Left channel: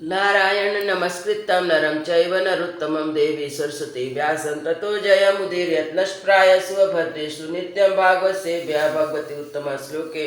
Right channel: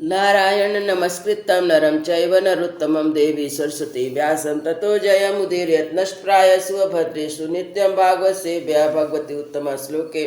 नारायण नमस्कृतं नरं चैव नरोत्तमं देवी सरस्वती व्यासं ततो जयमुदीरयत् नष्टप्रायसु अभद्रेषु नित्यं भागवतसेव्या भगवती उत्तम श्लोके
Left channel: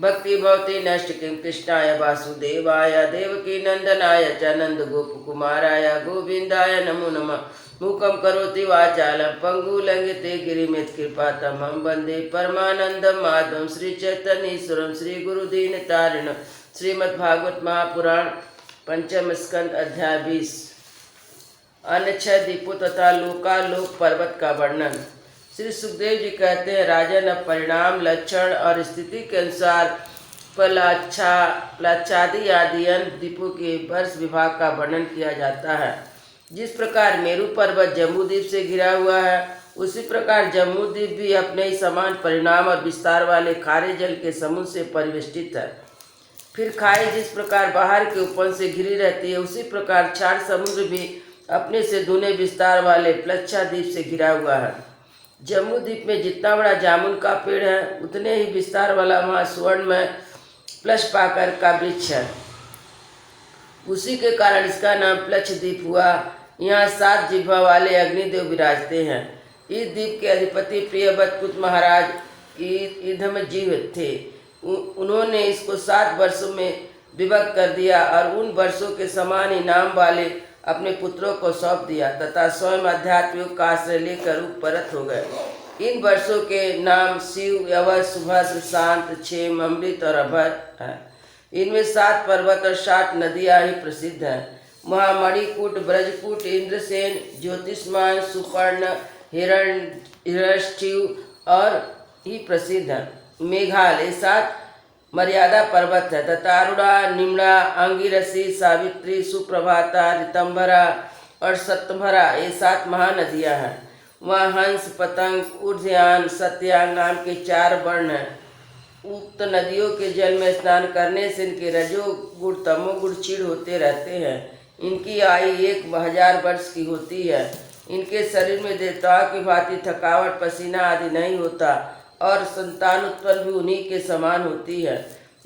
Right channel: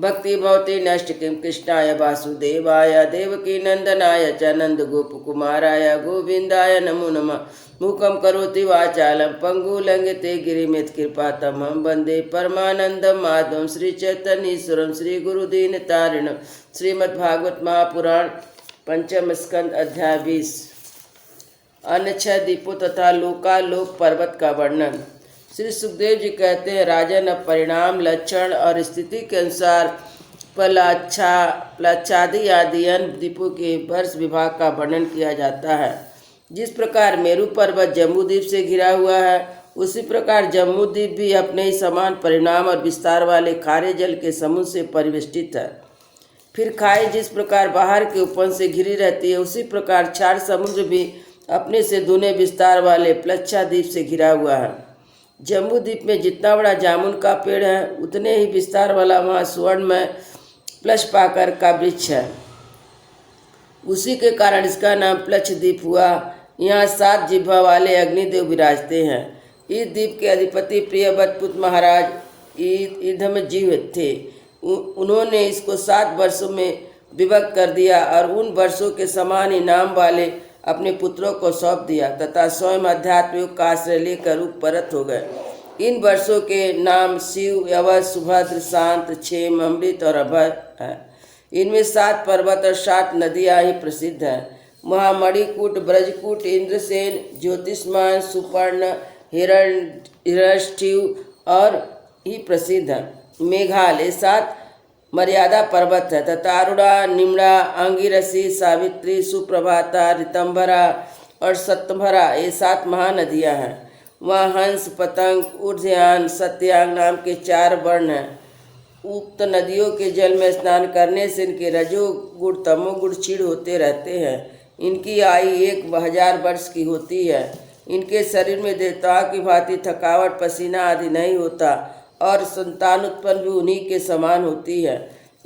भक्ति भवति नैष्टिकीं कृष्णाय वासुदेवाय देवकी नंदनाय च नन्दगोपकुमाराय गोविन्दाय नमो नमः। मूकं करोति वाचालं पङ्गुलङ्घिते गिरिमित्कृपातमहं वन्दे परमानन्दं माधवं श्रीचैतन्येश्वरं श्रीगुरुदीनतारिणं। श्रीमद्भागवत महापुराण पंचम स्कंद अध्याय 20। अन्य 6 दीपों तथा लोकालोक पर्वत का वर्णन। श्री सुखदेव जी कहते हैं, राजन, अब परिणाम, लक्षण और स्थिति के अनुसार प्लाच्छादि आदि अन्य दीपों के वर्ष विभाग का वर्णन किया जाता है। जिस प्रकार मेरु पर्वत जम्बूद्वीप से घिरा हुआ है, उसी प्रकार जम्बूद्वीप भी अपने ही समान परिणाम और विस्तार वाले खारे जल के समुद्र से परिवेष्टित है। फिर खाई जिस प्रकार बाहर के उपवन से घिरी रहती है, उसी प्रकार क्षार समुद्र भी अपने से दूने विस्तार वाले प्लच्छाद्वीप से घिरा हुआ है। जम्बू द्वीप में जितना बड़ा जामुन का पेड़ है, उतने ही विस्तार वाला वहाँ स्वर्ण में प्लश पाकर का वृक्ष है। उसी के कारण इसका नाम प्लक्ष द्वीप हुआ। यहाँ 7 जिह्वा वाले अग्निदेव विराजते हैं। इस द्वीप के अधिपति प्रियव्रत महाराज ईधमजीव थे। उन्होंने इसको 7 वर्षों में विभक्त कर दिया और उन वर्षों के समान ही नाम वाले अपने पुत्रों को सौंप दिया तथा स्वयं अध्यात्म योग का आश्रय लेकर परत हो गए। इन वर्षों के नाम शिव, यवस, सुभद्र, शांत, क्षेम, अमृत और अभय है। इनमें 7 पर्वत और 7 नदियाँ ही प्रसिद्ध हैं। वहाँ मणिकूट, ब्रजकूट, इंद्रसेन, ज्योतिष्मान, सुपर्ण, हिरण्यष्ठिव और ही प्रसिद्ध है। मेघालय 7 मर्यादा पर्वत है तथा अरुणा, निम्ड़ा, अंगिरसी, सावित्री, सुप्रभाता, ऋतंभरा और सत्यभरा ये 7 महानदियाँ हैं। वहाँ हंस, पतंग, ऊर्ध्वयान, सत्यांग नाम के 4 वर्ण हैं। उक्त नदियों के जल में स्नान करने से इनके रजोगुण तमोगुण क्षीण होते रहते हैं। इनकी आयु 1000 वर्ष की होती है। इनके शरीर में देवताओं की भांति थकावट, पसीना आदि नहीं होता और संतान उत्पन्न भी उन्हीं के समान होती है।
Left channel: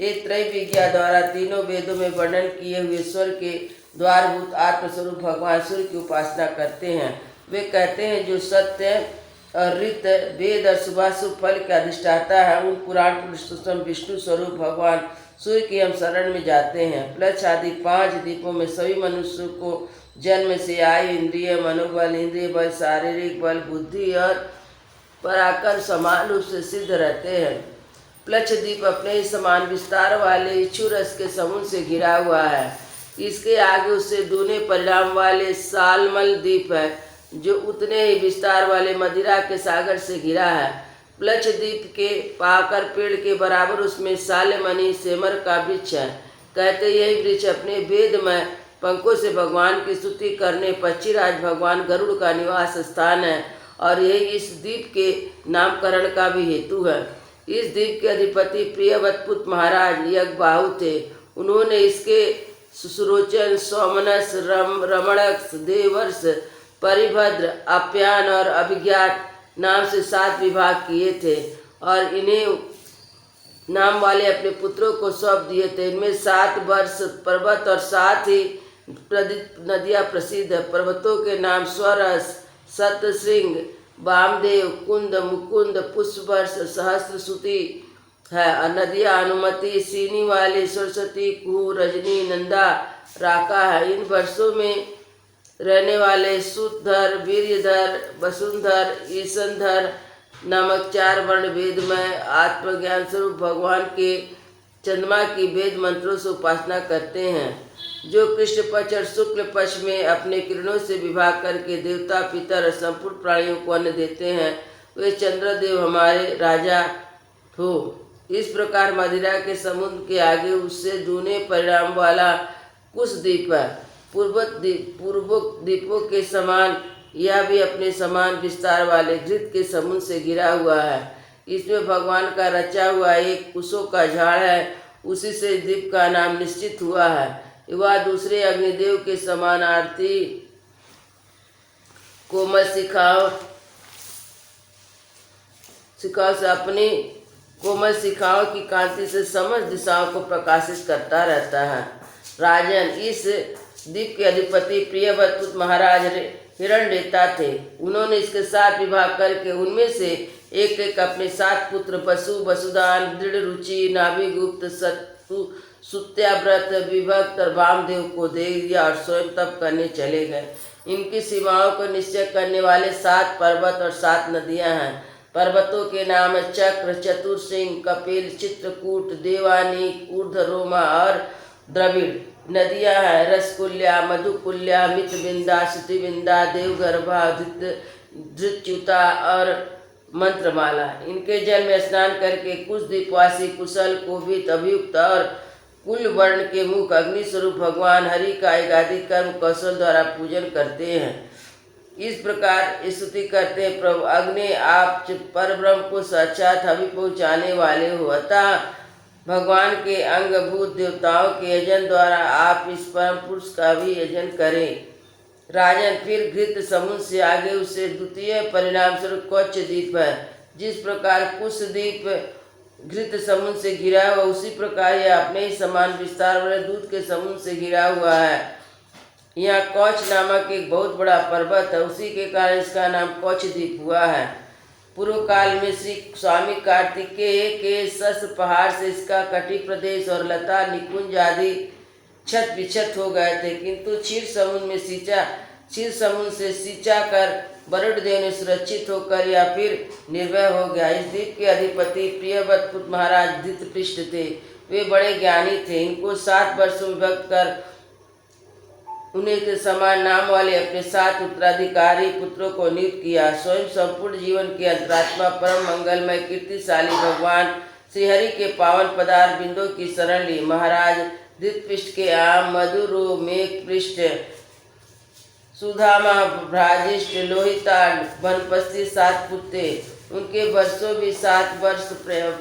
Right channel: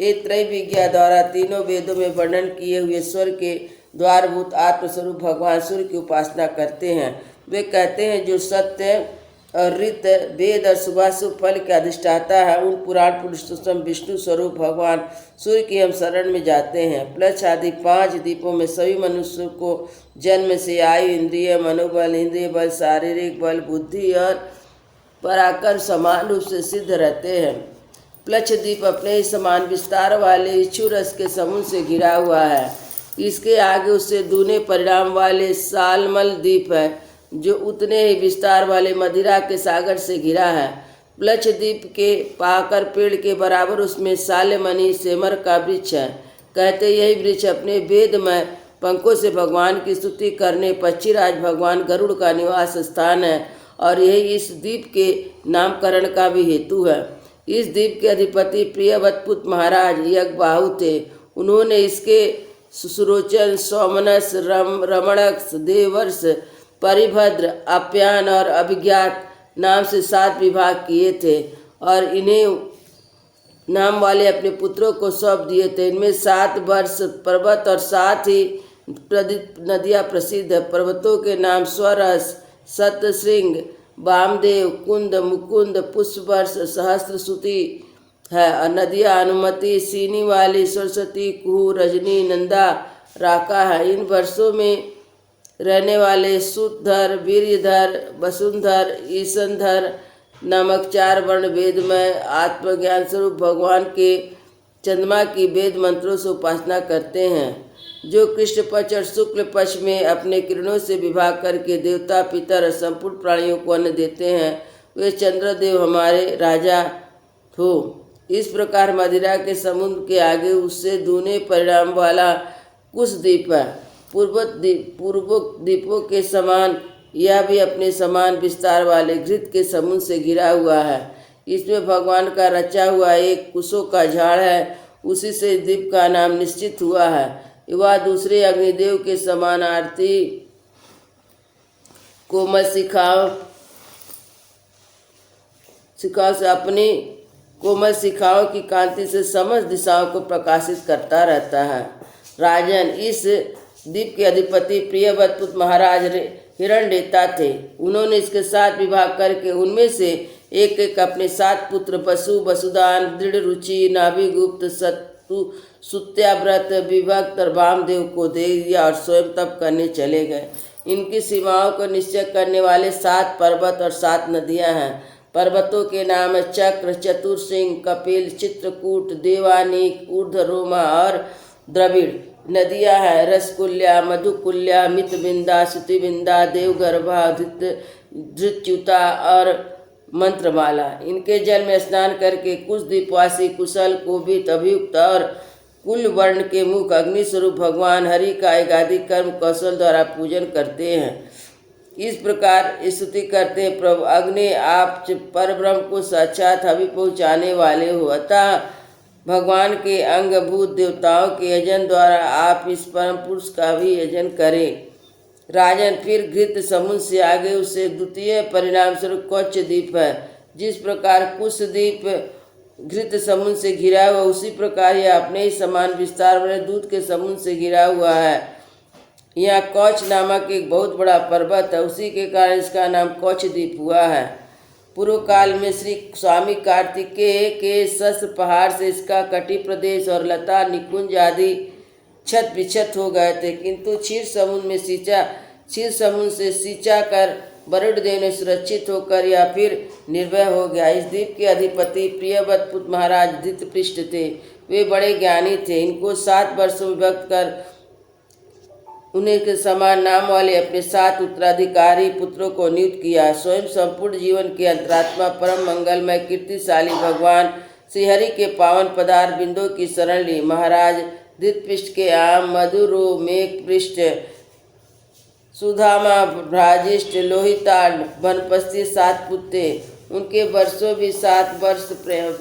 ये त्रैविज्ञा द्वारा तीनों वेदों में वर्णन किए हुए स्वर के द्वारभूत आत्मस्वरूप भगवान सूर्य की उपासना करते हैं। वे कहते हैं, जो सत्य और ऋत, वेद और शुभाशुभ फल के अधिष्ठाता है, उन पुराण पुरुषोत्तम विष्णु स्वरूप भगवान सूर्य की हम शरण में जाते हैं। प्लक्ष आदि 5 द्वीपों में सभी मनुष्यों को जन्म से आयु, इंद्रिय, मनोबल, इंद्रिय बल, शारीरिक बल, बुद्धि और पराक्रम समान रूप से सिद्ध रहते हैं। प्लक्ष द्वीप अपने ही समान विस्तार वाले इच्छु रस के समूह से घिरा हुआ है। इसके आगे उससे दूने परिणाम वाले सालमल द्वीप है, जो उतने ही विस्तार वाले मदिरा के सागर से घिरा है। प्लक्ष द्वीप के पाकर पेड़ के बराबर उसमें सालेमणि सेमर का वृक्ष है। कहते यही वृक्ष अपने वेदमय पंखों से भगवान की स्तुति करने पक्षीराज भगवान गरुड़ का निवास स्थान है और यही इस द्वीप के नामकरण का भी हेतु है। इस द्वीप के अधिपति प्रियव्रत महाराज यज्ञबाहु थे। उन्होंने इसके सुरोचन, सौमनस, रमणक, देवर्ष, परिभद्र, आप्यान और अभिज्ञात नाम से 7 विभाग किए थे और इन्हें नाम वाले अपने पुत्रों को सौंप दिए थे। इनमें 7 वर्ष पर्वत और 7 ही नदियाँ प्रसिद्ध है। पर्वतों के नाम स्वरस, सतसिंह, वामदेव, कुंद, मुकुंद, पुष्पवर्ष, सहस्रश्रुति है और नदियाँ अनुमति, सीनी वाली, सरस्वती, कुहू, रजनी, नंदा, राका है। इन वर्षों में रहने वाले सुधर, वीर्यधर, वसुंधर, ईशनधर नामक 4 वर्ण वेद में आत्मज्ञान स्वरूप भगवान के चंद्रमा की वेद मंत्रों से उपासना करते हैं, जो कृष्ण पक्ष और शुक्ल पक्ष में अपने किरणों से विभाग करके देवता, पितर और संपूर्ण प्राणियों को अन्न देते हैं। वे चंद्रदेव हमारे राजा हो। इस प्रकार मदिरा के समुद्र के आगे उससे दूने परिणाम वाला कुश द्वीप है। पूर्व द्वीपों के समान यह भी अपने समान विस्तार वाले घृत के समुद्र से घिरा हुआ है। इसमें भगवान का रचा हुआ एक कुशों का झाड़ है। उसी से द्वीप का नाम निश्चित हुआ है। वह दूसरे अग्निदेव के समान आरती कोमल शिखाओं से अपनी कोमल शिखाओं की कांति से समस्त दिशाओं को प्रकाशित करता रहता है। राजन, इस द्वीप के अधिपति प्रियव्रत महाराज हिरण्यरेता थे। उन्होंने इसके 7 विभाग करके उनमें से एक एक अपने 7 पुत्र वसु, वसुदान, दृढ़ रुचि, नाभिगुप्त, सतु, सुत्याव्रत, विभक्त और वामदेव को दे दिया और स्वयं तप करने चले गए। इनकी सीमाओं को निश्चय करने वाले 7 पर्वत और 7 नदियां हैं। पर्वतों के नाम है चक्र, चतुरसिंह, कपिल, चित्रकूट, देवानीक, ऊर्ध्वरोमा और द्रविड़। नदियां हैं रसकुल्या, मधुकुल्या, मितबिंदा, श्रुतिबिंदा, देवगर्भा, धृत्युता और मंत्रमाला। इनके जल में स्नान करके कुछ द्वीपवासी कुशल, कोपित, अभियुक्त और कुल वर्ण के मुख अग्नि स्वरूप भगवान हरि का एकाधिक कर्म कौशल द्वारा पूजन करते हैं। इस प्रकार स्तुति करते हैं, प्रभु अग्नि, आप परब्रह्म को साक्षात हवि पहुँचाने वाले हो, अतः भगवान के अंगभूत देवताओं के यजन द्वारा आप इस परम पुरुष का भी यजन करें। राजन, फिर घृत समुद्र से आगे उससे द्वितीय परिणाम स्वरूप कौच द्वीप है। जिस प्रकार कुश द्वीप घृत समुद्र से घिरा हुआ, उसी प्रकार यह अपने ही समान विस्तार वाले दूध के समुद्र से घिरा हुआ है। यहाँ कौच नामक एक बहुत बड़ा पर्वत है, उसी के कारण इसका नाम कौच द्वीप हुआ है। पूर्व काल में श्री स्वामी कार्तिकेय के शस्त्र पहाड़ से इसका कटी प्रदेश और लता निकुंज आदि छत विक्षत हो गए थे, किंतु क्षीर समुद्र से सींचा कर वरुण देव ने सुरक्षित होकर या फिर निर्भय हो गया। इस द्वीप के अधिपति प्रियव्रत महाराज धृतपृष्ठ थे। वे बड़े ज्ञानी थे। इनको 7 वर्षों में विभक्त कर उन्हें के समान नाम वाले अपने 7 उत्तराधिकारी पुत्रों को नियुक्त किया। स्वयं संपूर्ण जीवन के अंतरात्मा परम मंगलमय कीर्तिशाली भगवान श्रीहरि के पावन पदार्थ बिंदु की शरण ली। महाराज धृतपृष्ठ के आम, मधुरो, मेघपृष्ठ, सुधामा, भ्राजिष्ठ, लोहितांड, वनपस्ती 7 पुत्र। उनके वर्षों भी 7 वर्ष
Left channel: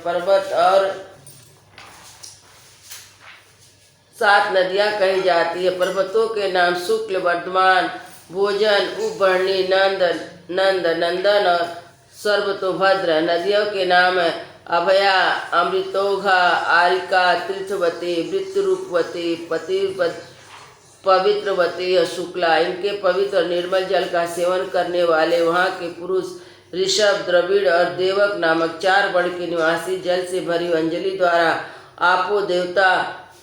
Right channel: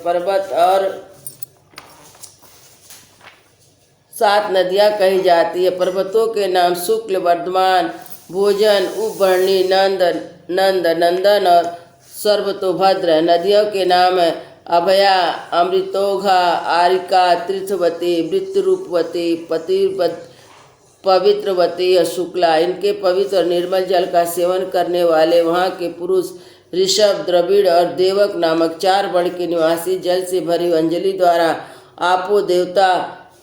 पर्वत और 7 नदियां कही जाती है। पर्वतों के नाम शुक्ल, वर्धमान, भोजन, उपवर्णी, नंदन और सर्वतोभद्र। नदियों के नाम है अभया, अमृतोघा, आरिका, तीर्थवती, वृत्तरूपवती, पवित्रवती और शुक्ला। इनके पवित्र और निर्मल जल का सेवन करने वाले वहाँ के पुरुष ऋषभ, द्रविड़ और देवक नामक 4 वर्ण के निवासी जल से भरी अंजलि द्वारा आपो देवता,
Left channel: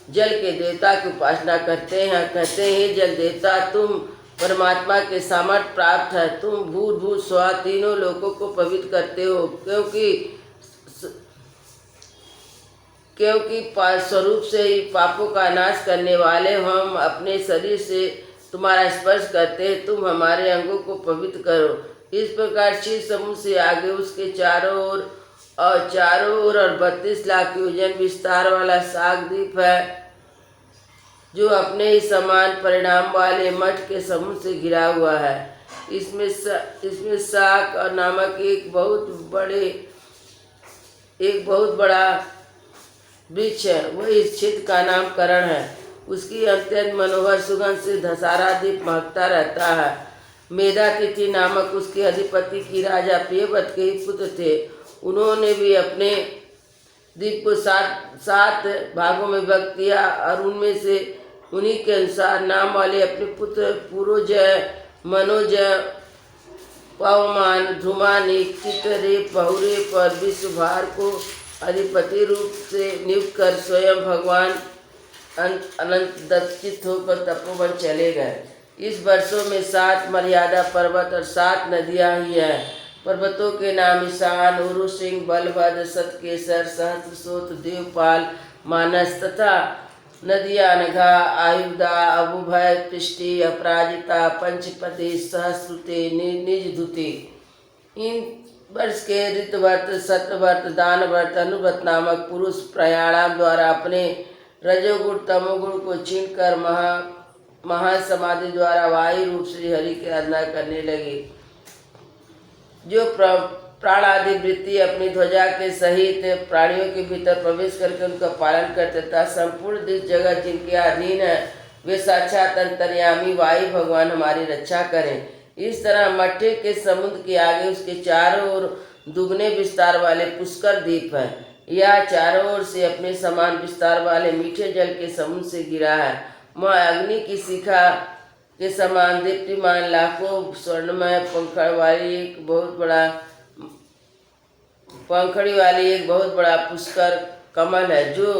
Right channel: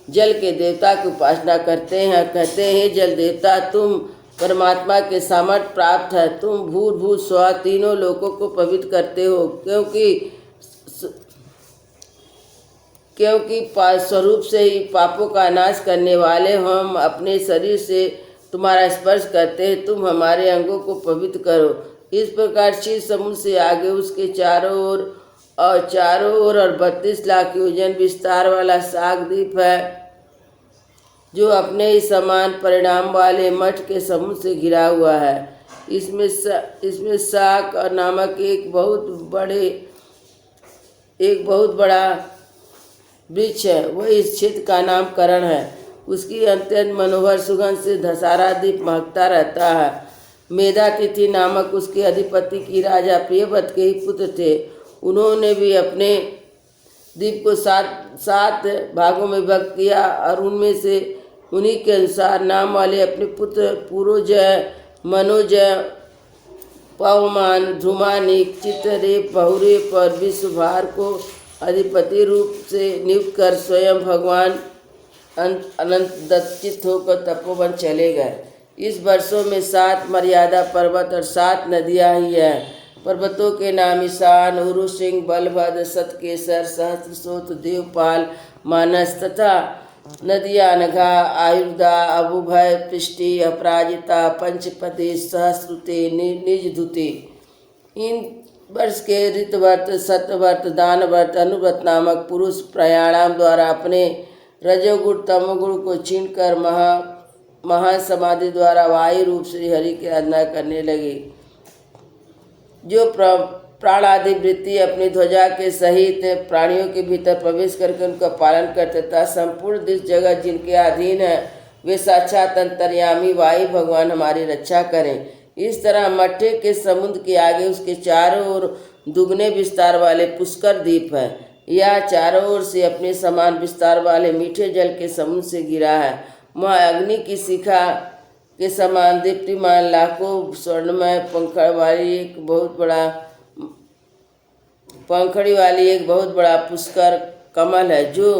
जल के देवता की उपासना करते हैं। कहते हैं, जल देवता, तुम परमात्मा के सामर्थ्य प्राप्त है। तुम भूर्भुव स्व तीनों लोकों को पवित्र करते हो, क्योंकि स्वरूप से ही पापों का नाश करने वाले हम अपने शरीर से तुम्हारा स्पर्श करते हैं। तुम हमारे अंगों को पवित्र करो। इस प्रकार क्षीर समुद्र से आगे उसके चारों ओर और 32 लाख योजन विस्तार वाला साग द्वीप है, जो अपने ही समान परिणाम वाले मठ के समुद्र से घिरा हुआ है। इसमें साग और नामक एक बहुत बड़ा वृक्ष है, वही इस क्षेत्र का नामकरण है। उसकी अत्यंत मनोहर सुगंध से धसारा द्वीप महकता रहता है। मेधातिथि नामक उसके अधिपति की राजा प्रियव्रत के ही पुत्र थे। उन्होंने भी अपने द्वीप को 7 भागों में विभक्त किया और उनमें से उन्हीं के अनुसार नाम वाले अपने पुत्र पुरोजय, मनोजय, पवमान, ध्रुमानिक, चित्ररेप, बहुरेप और विश्वभार को अधिपति रूप से नियुक्त कर स्वयं भगवान अनंत दत्चित होकर तपोवन चले गए। इस वर्षों में 7 मर्यादा पर्वत और 7 नदियां ही हैं। पर्वतों के नाम ईशान, उरुसिंह, बलभद्र, सतकेसर, सहस्रशोथ, देवपाल, मानस तथा नदियां अनघा, आयुधा, अबुभय, पृष्टि, अपराजिता, पंचपति, सहस्रुते, निजधुति। इन वर्ष के ऋतवर्त, सतवर्त, दानवर्त, अनुव्रत नामक पुरुष प्रयाणाम द्वारा अपने रजोगुण तमोगुण को छीनकर महान समाधि द्वारा वायु रूप श्री हरि की आराधना करने लगे। जो प्राणादि वृत्ति अपनी ध्वजा के सहित प्राणियों के भीतर प्रवेश करके उनका पालन करते तथा संपूर्ण दिश जगत जिनके अधीन है, वे साक्षात अंतर्यामी वायु भगवान हमारी रक्षा करें। इस तरह मट्टे के समुद्र के आगे उसके चारों ओर दुगने विस्तार वाले पुष्कर द्वीप है। यह चारों ओर से अपने समान विस्तार वाले मीठे जल के समुद्र से घिरा है वहाँ अग्नि की शिखा के समान दीप्तिमान लाखों स्वर्णमय पंखड़ी वाली एक बहुत बड़ा पुष्कर कमल है, जो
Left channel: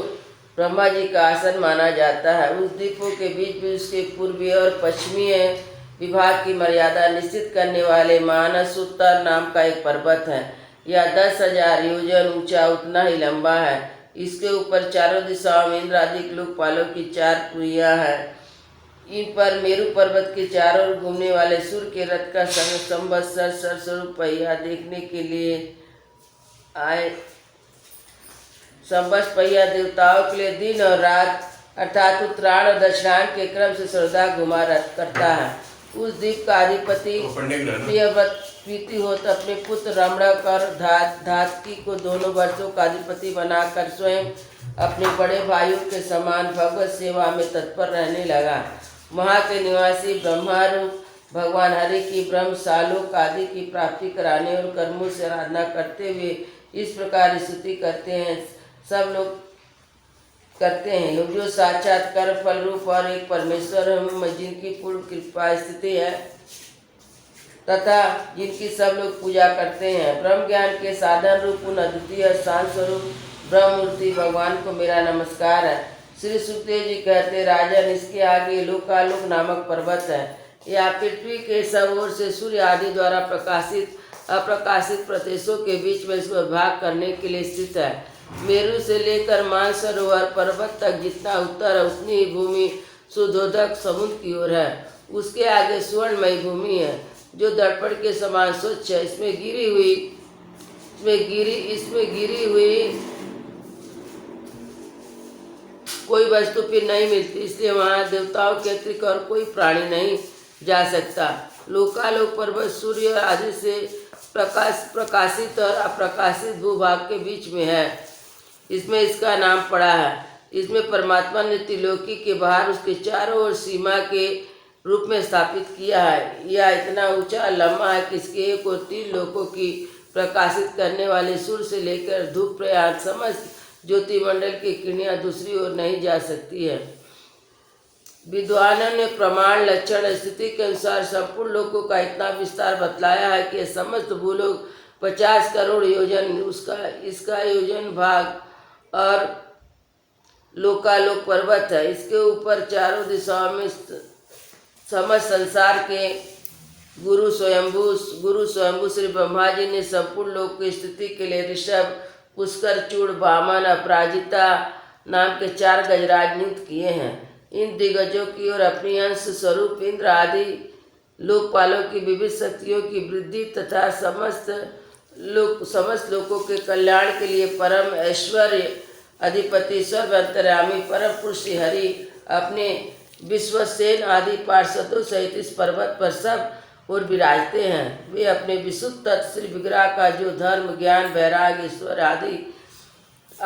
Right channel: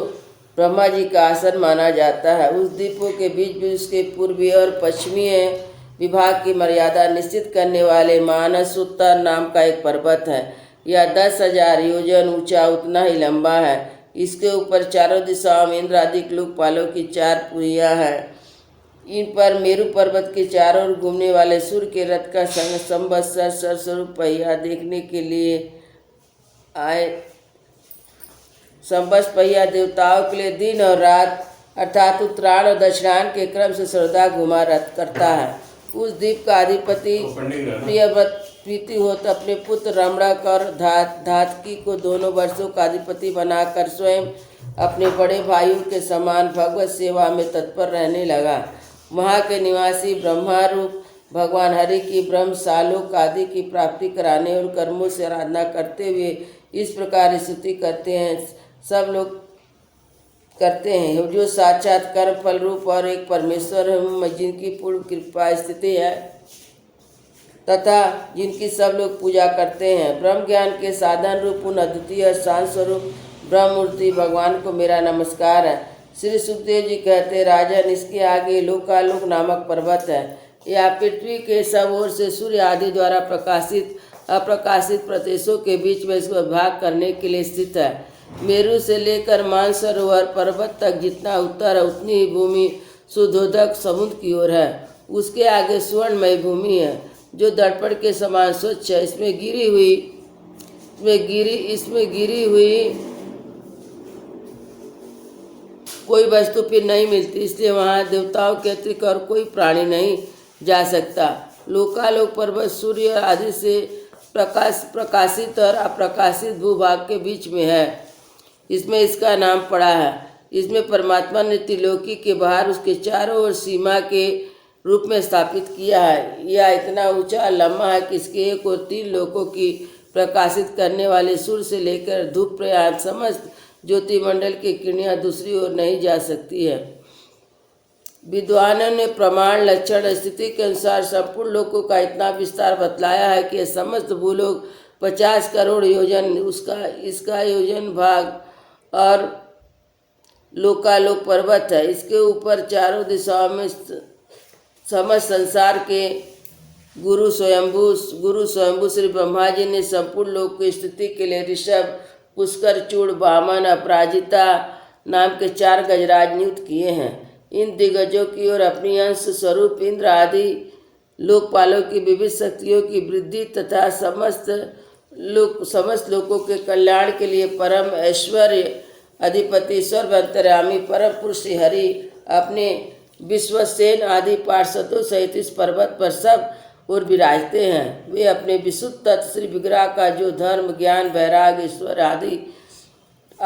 ब्रह्मा जी का आसन माना जाता है। उस द्वीपों के बीच भी उसके पूर्वीय और पश्चिमीय विभाग की मर्यादा निश्चित करने वाले मानस उत्तर नाम का एक पर्वत है। यह 10,000 योजन ऊंचा, उतना ही लंबा है। इसके ऊपर चारों दिशाओं में इंद्र आदि लोकपालों की 4 पुरियां हैं। इन पर मेरु पर्वत के चारों ओर घूमने वाले सूर्य के रथ का संवत्सर स्वरूप पहिया देखने के लिए आए। संवत्सर पहिया देवताओं के लिए दिन और रात अर्थात उत्तरायण और दक्षिणायन के क्रम से सर्वदा घुमा करता है। उस द्वीप का अधिपति प्रियव्रत प्रीतिहोत अपने पुत्र रमणक और धातकी को दोनों वर्षों का अधिपति बनाकर स्वयं अपने बड़े भाइयों के समान भगवत सेवा में तत्पर रहने लगा। वहाँ के निवासी ब्रह्मारूप भगवान हरि की ब्रह्म सालोक आदि की प्राप्ति कराने और कर्मों से आराधना करते हुए इस प्रकार स्तुति करते हैं, सब लोग करते हैं, जो साक्षात कर्म फल रूप और एक परमेश्वर में जिनकी पूर्ण कृपा स्थिति है तथा जिनकी सब लोग पूजा करते हैं। ब्रह्म ज्ञान के साधन रूप उन अद्वितीय शांत स्वरूप ब्रह्ममूर्ति भगवान को मेरा नमस्कार है। श्री सुखदेव जी कहते, राजन, इसके आगे लोकालोक नामक पर्वत है। यह पृथ्वी के सब ओर से सूर्य आदि द्वारा प्रकाशित अप्रकाशित प्रदेशों के बीच में इसको भाग करने के लिए स्थित है। मेरु से लेकर मानसरोवर पर्वत तक जितना उत्तर है उतनी ही भूमि सुधोधक समुद्र की ओर है। उसके आगे स्वर्णमयी भूमि है जो दर्पण के समान स्वच्छ है। इसमें गिरी हुई कोई वस्तु फिर नहीं मिलती, इसलिए वहाँ देवताओं के अतिरिक्त और कोई प्राणी नहीं जा सकता। लोकालोक पर्वत सूर्य आदि से प्रकाशित और अप्रकाशित भूभाग के बीच में है, इसमें इसका नाम पड़ा है। इसमें परमात्मा ने त्रिलोकी के बाहर उसके चारों ओर सीमा के रूप में स्थापित किया है। यह इतना ऊंचा लंबा है कि इसके एक और 3 लोकों की प्रकाशित करने वाले सूर्य से लेकर धूप प्रयाग समस्त ज्योतिमंडल की किरणें दूसरी ओर नहीं जा सकती है। विद्वानों ने प्रमाण लक्षण स्थिति के अनुसार संपूर्ण लोकों का इतना विस्तार बतलाया है कि समस्त भूलोक 50 करोड़ योजन इसका योजन भाग और लोकालोक पर्वत है। इसके ऊपर चारों दिशाओं में समस्त संसार के गुरु स्वयंभू श्री ब्रह्मा जी ने संपूर्ण लोक की स्थिति के लिए ऋषभ, पुष्कर, चूड़, वामन, अपराजिता नाम के 4 गजराज नियुक्त किए हैं। इन दिग्गजों की ओर अपनी अंश स्वरूप इंद्र आदि लोकपालों की विविध शक्तियों की वृद्धि तथा समस्त लोगों के कल्याण के लिए परम ऐश्वर्य अधिपति सर्वअंतर्यामी परम पुरुष हरि अपने विश्वसेन आदि पार्षदों सहित इस पर्वत पर सब और विराजते हैं। वे अपने विशुद्ध तत्व श्री विग्रह का जो धर्म, ज्ञान, वैराग्य, ईश्वर आदि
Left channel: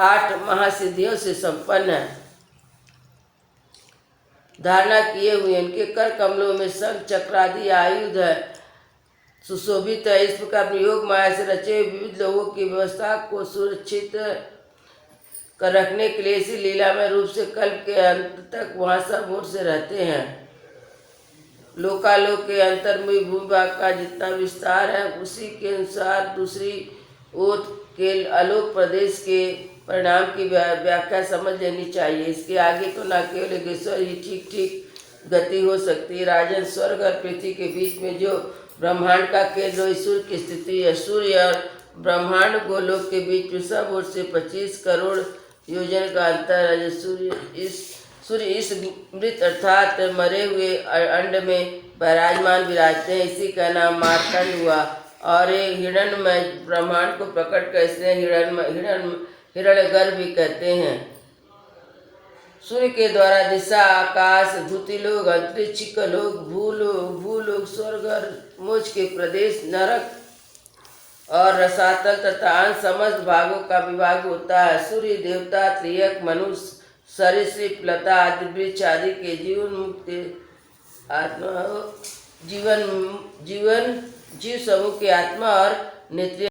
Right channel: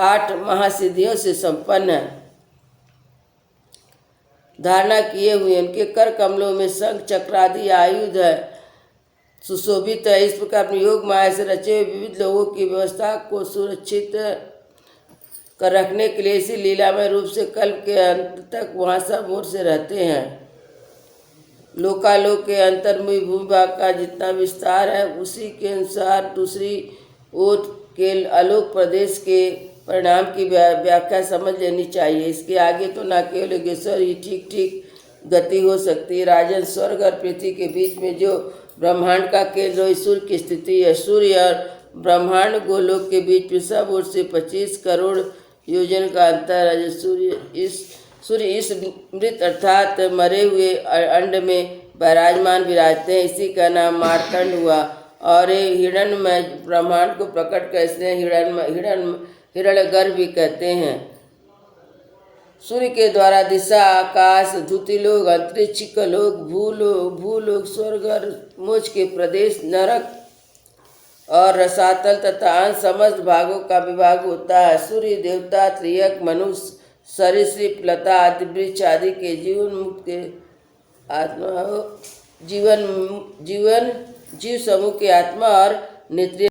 8 महासिद्धियों से संपन्न है धारणा किए हुए, उनके कर कमलों में शंख चक्र आदि आयुध है सुशोभित है। इस प्रकार अपने योग माया से रचे हुए विविध लोगों की व्यवस्था को सुरक्षित कर रखने के लिए इसी लीलामय रूप से कल्प के अंत तक वहाँ सब ओर से रहते हैं। लोकालोक के अंतर्मुखी भूभाग का जितना विस्तार है उसी के अनुसार दूसरी ओर के अलोक प्रदेश के परिणाम की व्याख्या समझ लेनी चाहिए। इसके आगे तो न केवल योगेश्वर ही ठीक गति हो सकती है। राजन, स्वर्ग और पृथ्वी के बीच में जो ब्रह्मांड का केंद्र सूर्य की स्थिति है, सूर्य और ब्रह्मांड गोलोक के बीच में सब ओर से 25 करोड़ योजन का अंतर है। जो सूर्य इस मृत अर्थात मरे हुए अंड में विराजते हैं, इसी का नाम मार्तंड हुआ। और ये हिरण्मय ब्रह्मांड को प्रकट कर इसलिए हिरण्यगर्भ भी कहते हैं। सूर्य के द्वारा दिशा, आकाश, धुतिलोक, अंतरिक्ष का लोक, भूलोक, स्वर्ग और मोक्ष के प्रदेश, नरक और रसातल तथा अन्य समस्त भागों का विभाग होता है। सूर्य देवता, त्रियक, मनुष्य, सरीसृप, लता आदि वृक्ष आदि के जीवन मुक्त आत्मा जीव समूह के आत्मा और नेत्रिय